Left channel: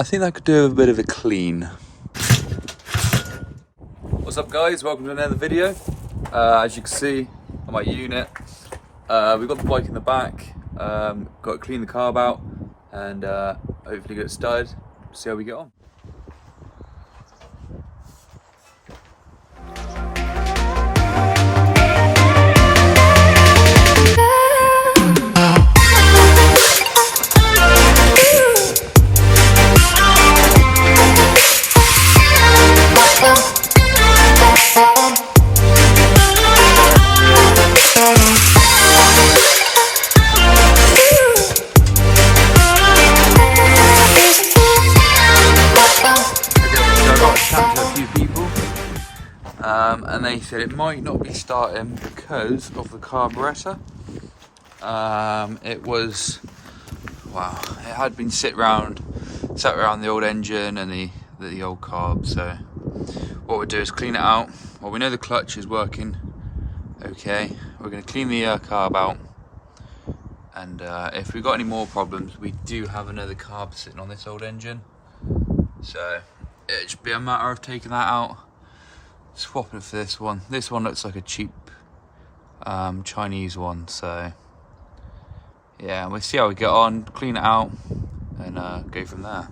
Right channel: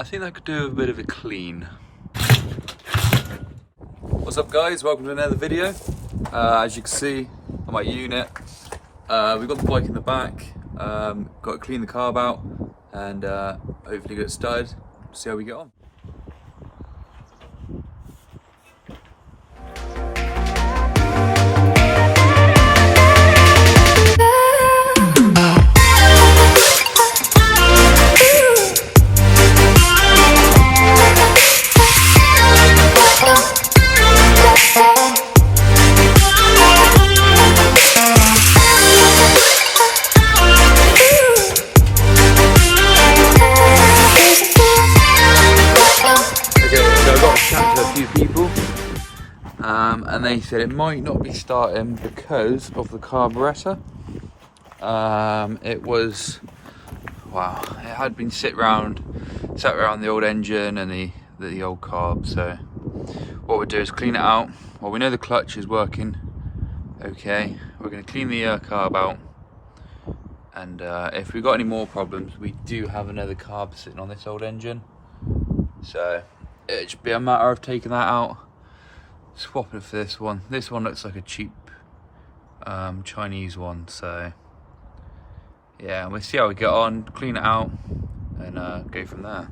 I think I could do a bit of a clean. What's up guys, welcome to another video. As you can see on my unit, we've got the bike in the back, got to clean the carb out and hopefully get it started, see how we get on. A few people and they said it might not be starting because of the carburetor. It was, wow, it had been sat around the old engine and the old carb. So what we'll do is clean it out. Well, we know the clutch is working okay. We're going to clean the carb out, and if we've got any more problems, we do have another carb sitting on this old engine, so it should be a matter of taking that out, swapping it for this one. This one looks like a cheap Chinese one, so yeah, we'll see how we get on, clean it out and go from there.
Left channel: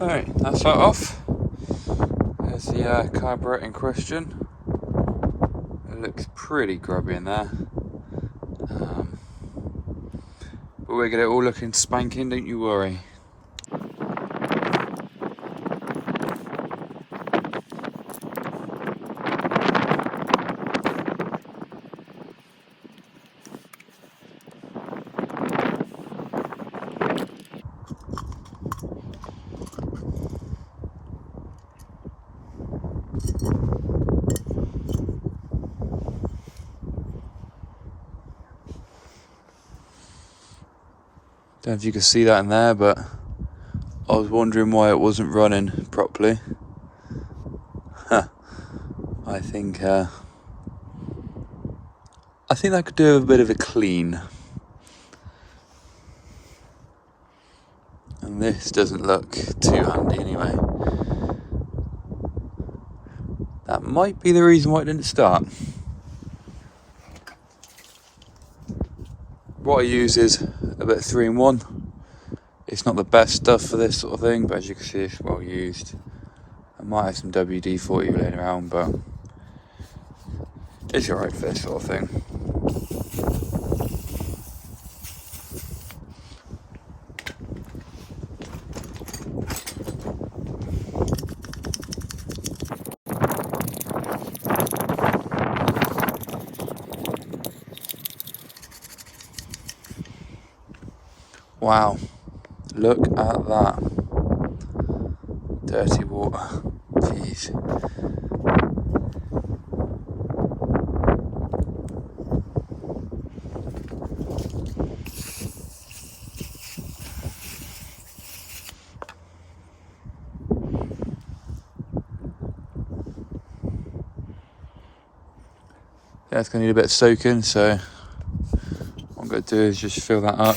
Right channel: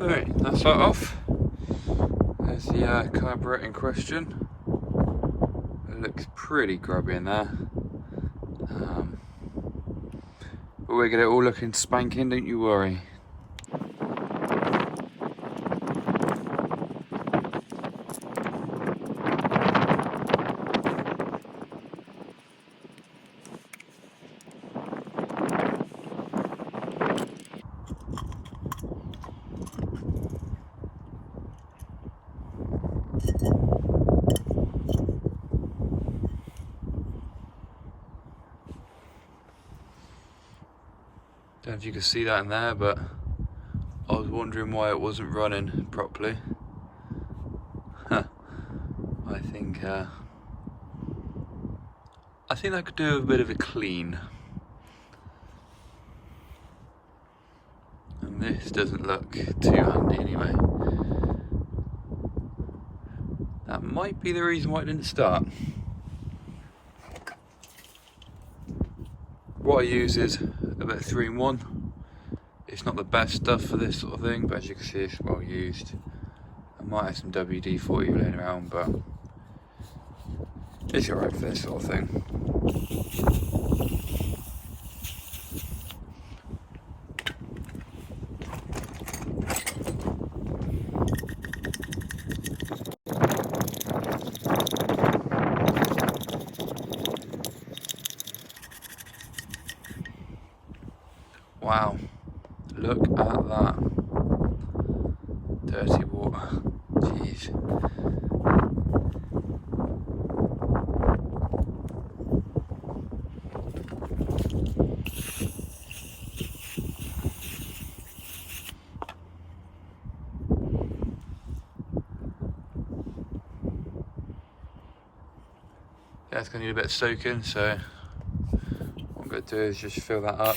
Alright, that's that off. There's the carburetor in question. It looks pretty grubby in there. But we're gonna all looking spanking, don't you worry. Don't know if you can see that in there, but I was wondering why it wasn't running properly. I think I could do a bit of a clean. And this doesn't look too handy anyway. That might be the reason why it didn't start. What I use is a bit of 3-in-1. It's not the best stuff for this sort of thing, but as you can see, it's well used. I might have some WD-40 laying around, but it's alright for this sort of thing. Wow, look at that. Dirty water, jeez. Yeah, it's going to need a bit of soaking, so what I'm going to do is just fill that up.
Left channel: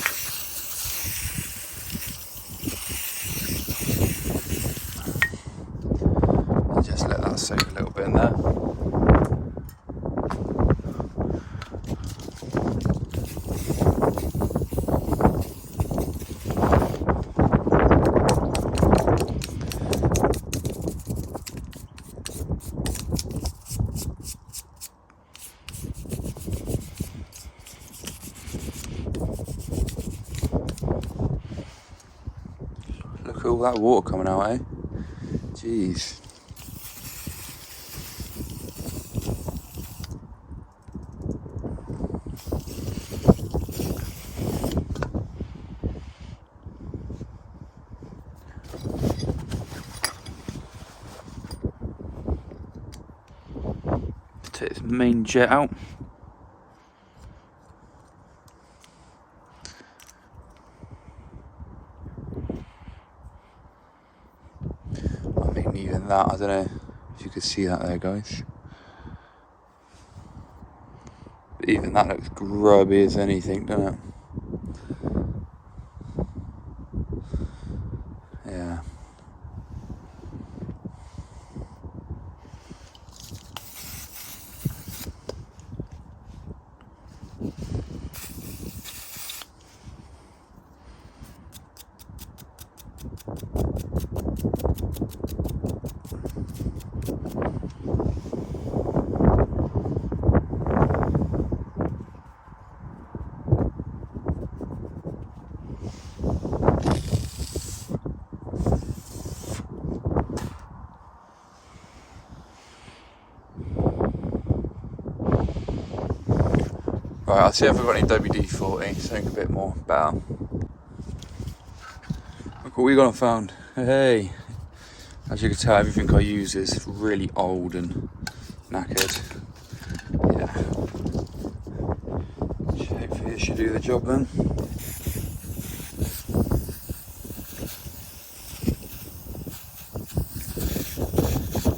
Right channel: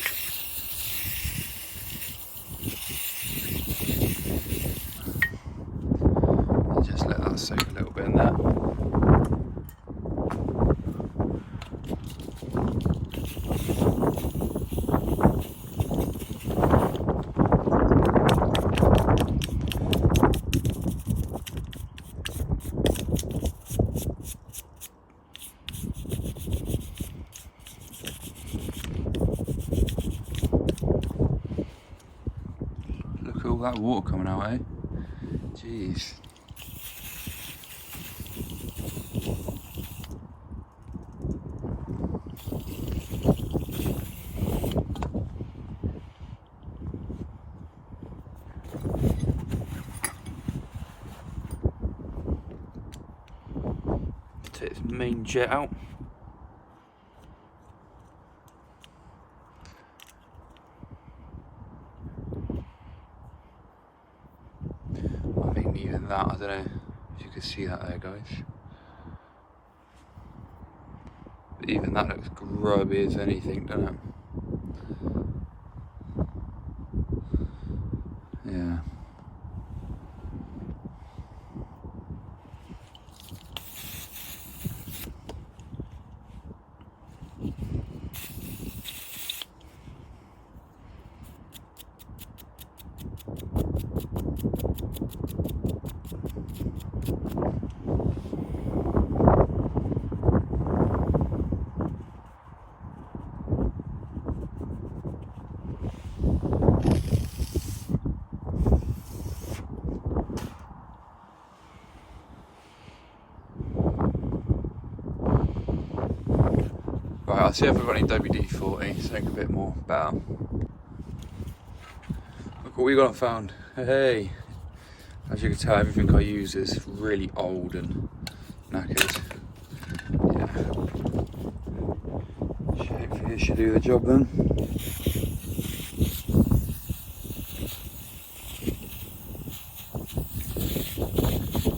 Just let that soak a little bit in there. Look at all that water coming out, eh? Jeez. Take this main jet out. I mean, even that, I don't know if you could see that there, guys. But even that looks grubby as anything, doesn't it? Yeah. Right, I'll see if I've got any WD-40, something a bit more better. Look what we got found. Hey! As you can tell, everything I use is really old and knackered. Yeah. Hopefully it should do the job then.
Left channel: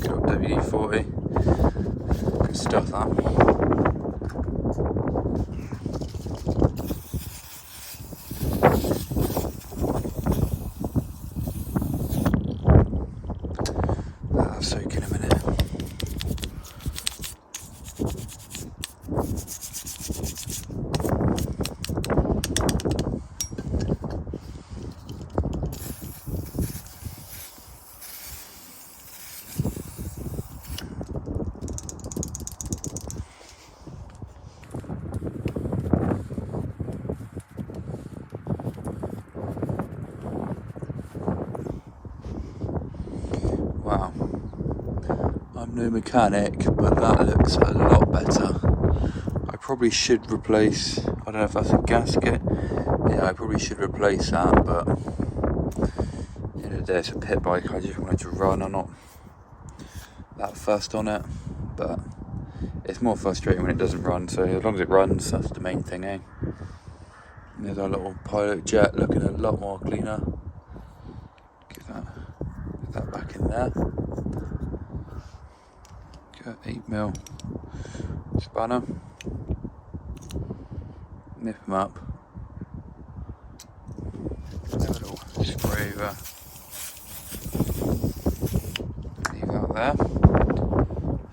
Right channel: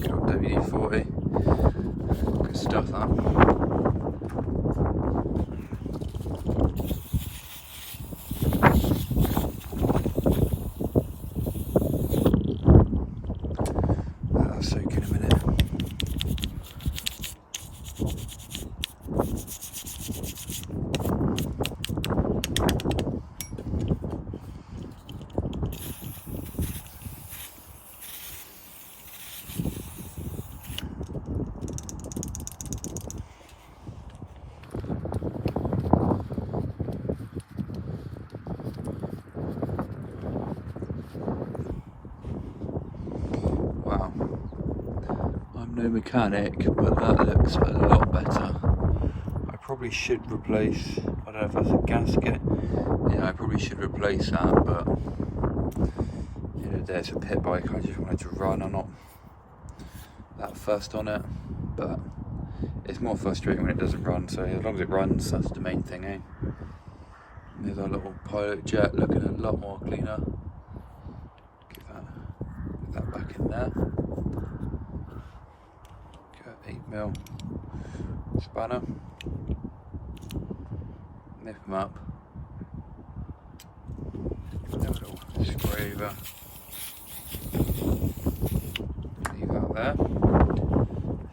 Got WD-40. Good stuff that. Soak in a minute. Wow. I'm no mechanic, but that looks a lot better. I probably should replace, I don't know if that's a gasket. Yeah, I probably should replace that, but at the end of the day it's a pit bike, I just wanted to run. I'm not that fussed on it, but it's more frustrating when it doesn't run, so as long as it runs, that's the main thing, eh? And there's our little pilot jet looking a lot more cleaner. Get that back in there. Got 8mm spanner. Nip them up. Put that little spray over. Leave that there.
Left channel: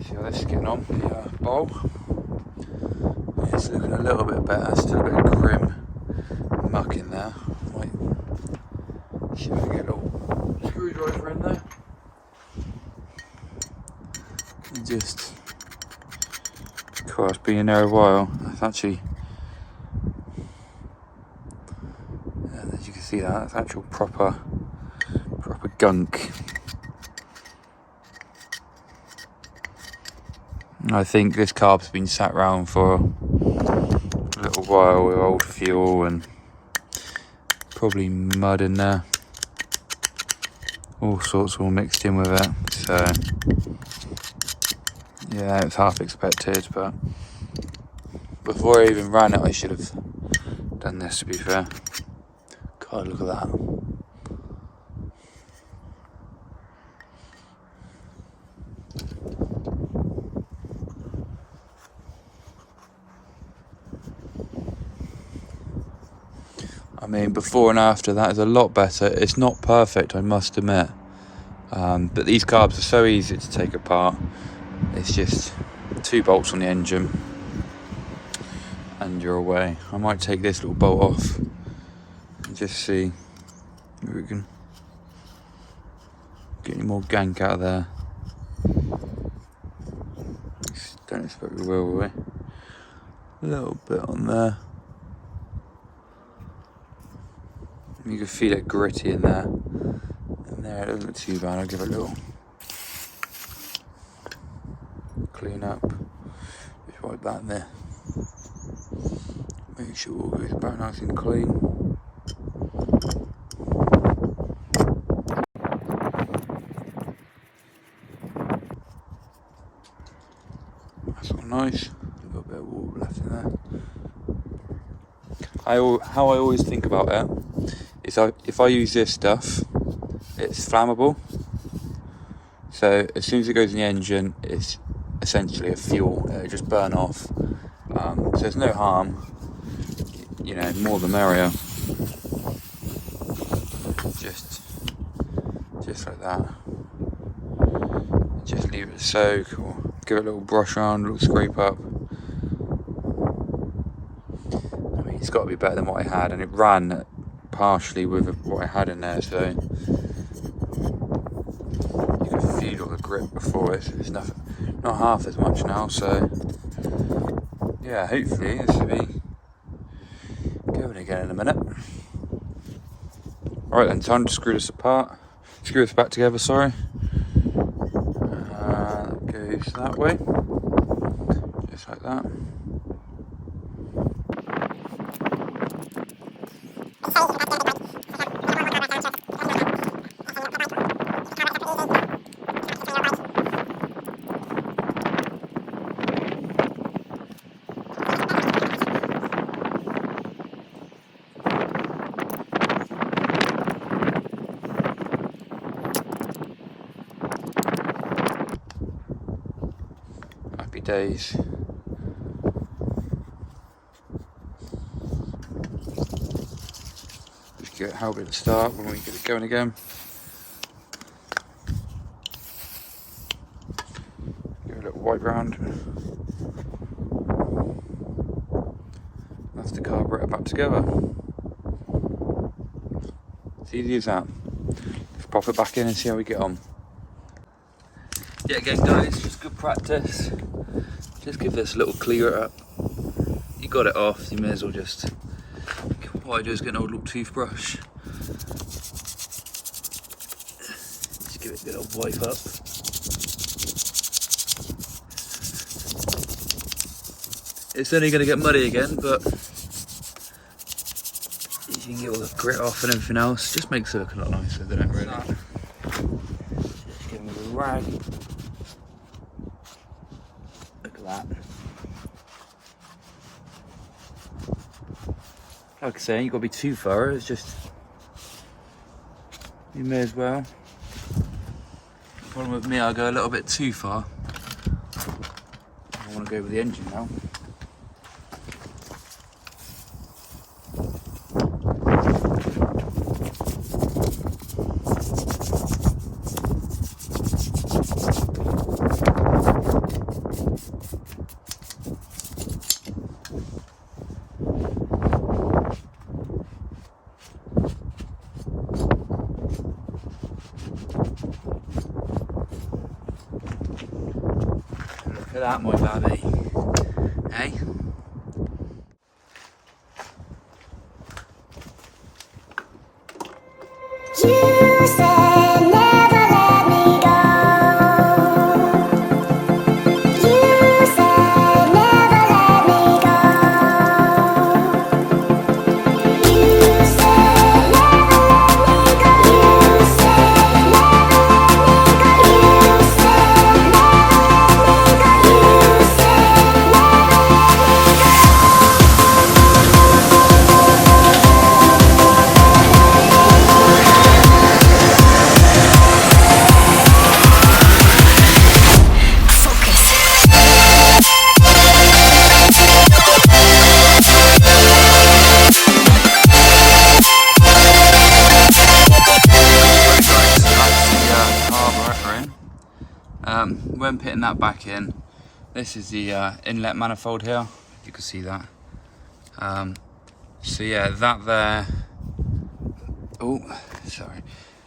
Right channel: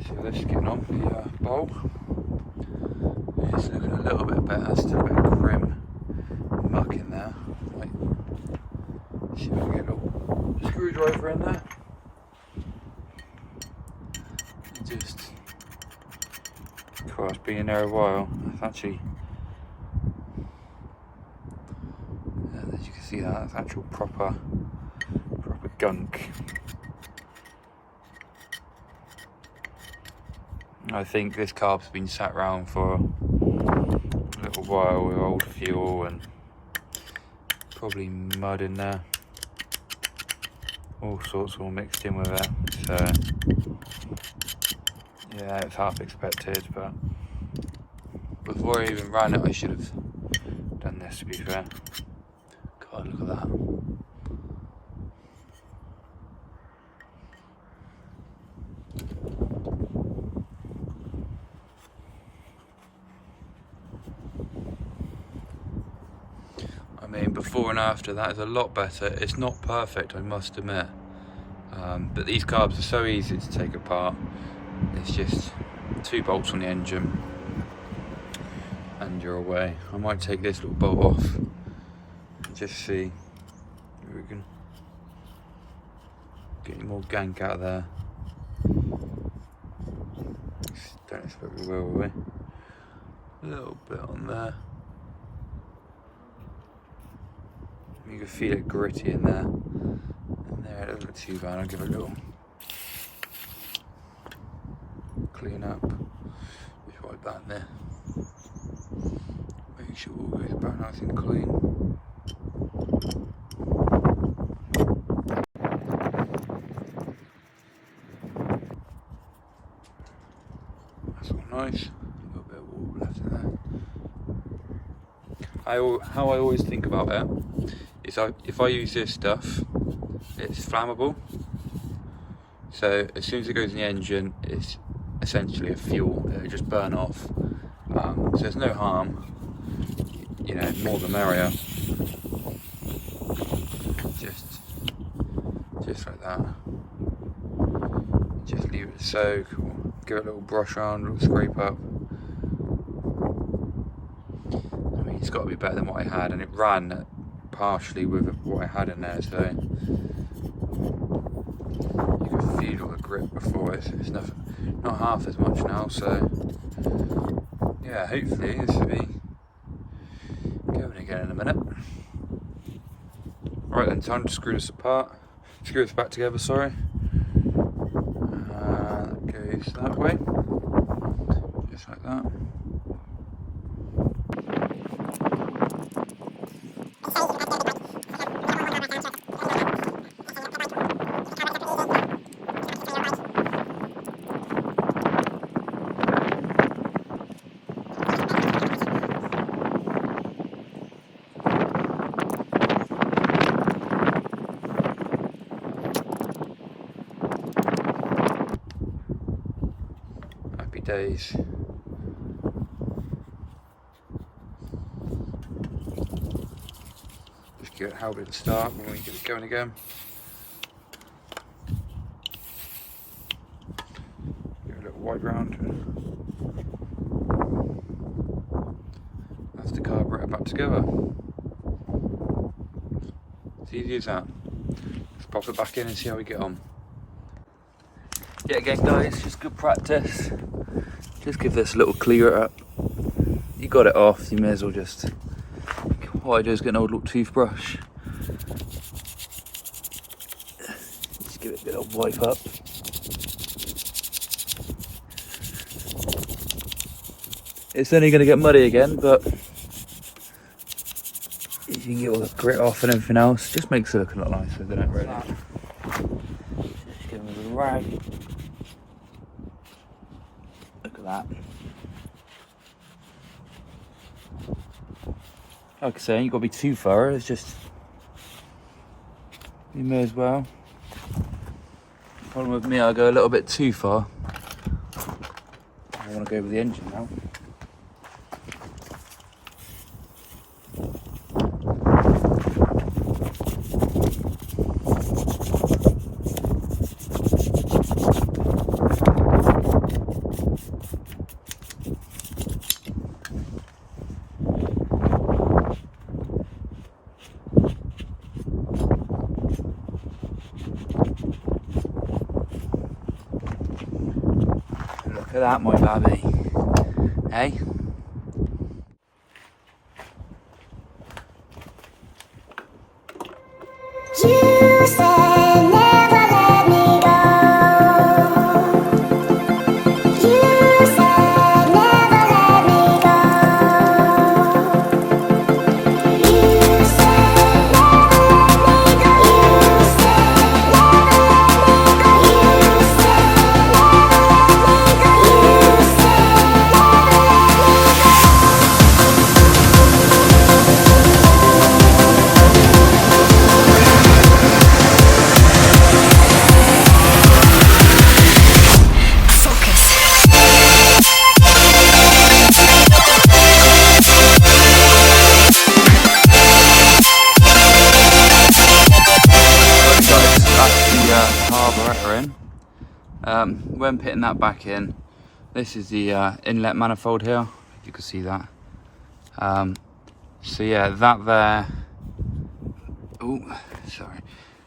See how this is getting on, the bowl. It's looking a little bit better, still a bit of grim muck in there. Might see if I can get a little screwdriver in there. And just, it's been in there a while. It's actually, as you can see that, it's actual proper gunk. I think this carb's been sat around for a little while with old fuel and probably mud in there. All sorts all mixed in with it. So yeah, it's half expected, but before I even ran it I should have done this, to be fair. God, look at that. I mean, before and after, that is a lot better. It's not perfect, I must admit, but these carbs are so easy to take apart. It's just 2 bolts on the engine and you're away. I might take this little bolt off and just see if we can get any more gank out of there. Don't expect we will we? A little bit on there. You can feel it gritty in there. And there, it doesn't look too bad. I'll give it a little clean up. Just wipe that in there. Make sure all goes back nice and clean. nice. A little bit of water left in there. How I always think about it is if I use this stuff, it's flammable. So as soon as it goes in the engine, it's essentially a fuel. It'll just burn off. So there's no harm. You know, more the merrier. Just like that. Just leave it soak, or give it a little brush around, a little scrape up. I mean, it's got to be better than what I had, and it ran partially with what I had in there, so you can feel all the grip before it. It's not half as much now, so yeah, hopefully this will be going again in a minute. Alright then, time to screw this back together, sorry. Goes that way, just like that. Days. Just get how it start when we get it going again. Give it a little wipe round. That's the carburetor back together. It's easy as that. Let's pop it back in and see how we get on. Yeah, again guys, just good practice. Just give this a little clear up. You got it off, you may as well just, what I do is get an old little toothbrush. Just give it a bit of wipe up. It's only going to get muddy again, but you can get all the grit off and everything else. Just makes it look a lot nicer, doesn't it, really? Just give it a rag. That. Like I say, you got to be too thorough. It's just you may as well. The problem with me, I go a little bit too far. I want to go with the engine now. Look at that, my babby. Hey? You said never let me go. You said never let me go. You said never let me go. You said never let me go. You said never let me go. You said never When putting that back in, this is the inlet manifold here, you can see that. So yeah, that there,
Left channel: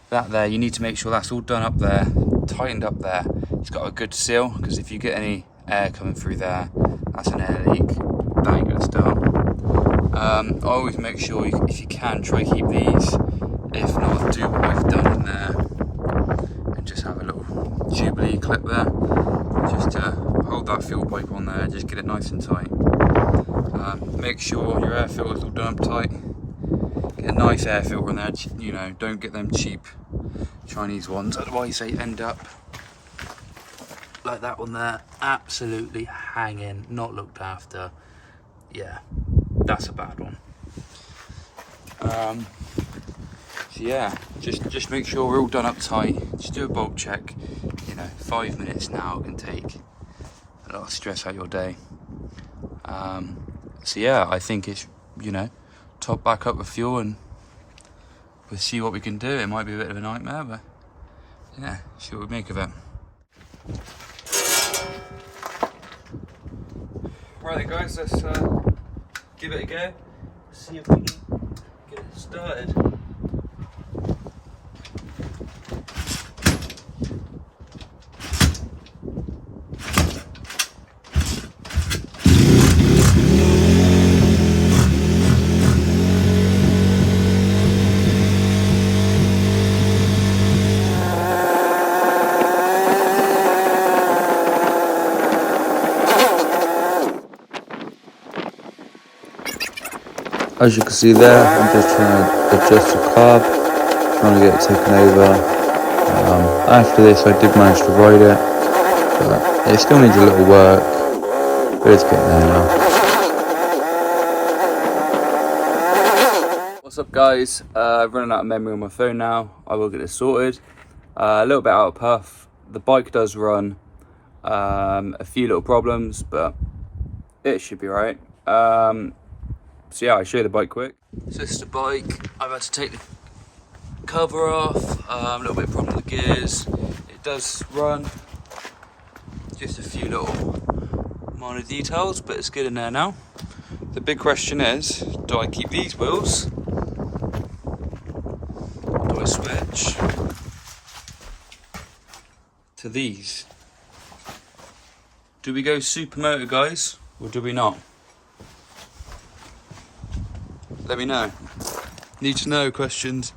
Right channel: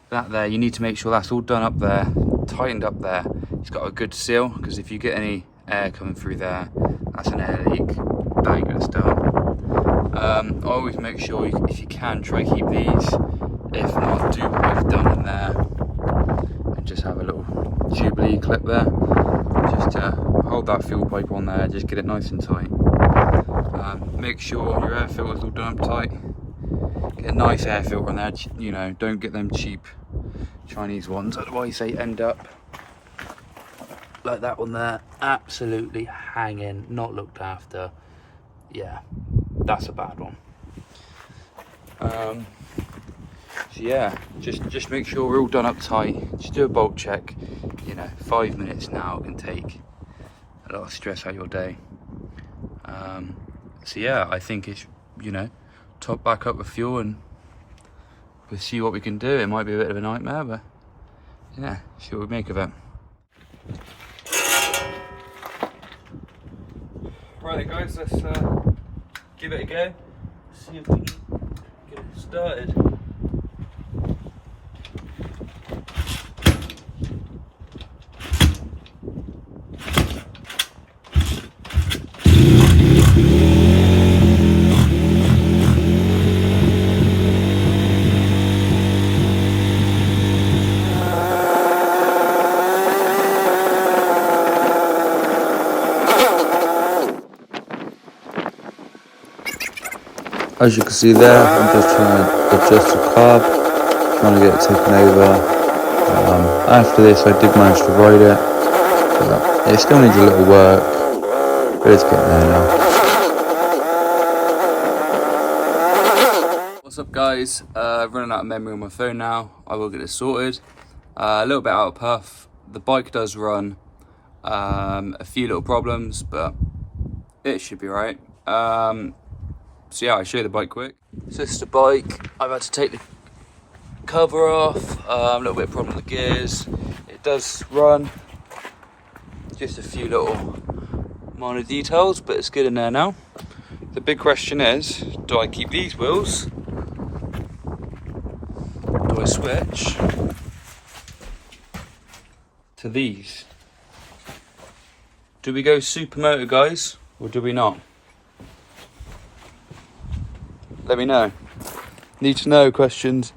that there, you need to make sure that's all done up there, tightened up there. It's got a good seal, because if you get any air coming through there, that's an air leak, that ain't gonna start. Always make sure, if you can, try to keep these, if not, do what we've done in there. Just have a little Jubilee clip there, just to hold that fuel pipe on there, just get it nice and tight. Make sure your air filter's all done up tight. Get a nice air filter on there, you know, don't get them cheap Chinese ones, otherwise they end up like that one there, absolutely hanging, not looked after. Yeah, that's a bad one. So yeah, just make sure we're all done up tight. Just do a bolt check. You know, 5 minutes now can take a lot of stress out of your day. So yeah, I think it's, you know, top back up with fuel and we'll see what we can do. It might be a bit of a nightmare, but yeah, see what we make of it. Right then guys, let's give it a go. See if we can get it started. As you can see there, I'm just trying to adjust the carb, trying to get it taken over. After this I did manage to ride it, but it still needs a little work, but it's getting there now. What's up guys, running out of memory on my phone now. I will get it sorted. A little bit out of puff. The bike does run, a few little problems, but it should be right. So yeah, I'll show you the bike quick. So this is the bike. I've had to take the cover off. A little bit of problem with the gears. It does run. Just a few little minor details, but it's good in there now. The big question is, do I keep these wheels? Or do I switch to these? Do we go supermoto, guys, or do we not? Let me know. Need to know questions.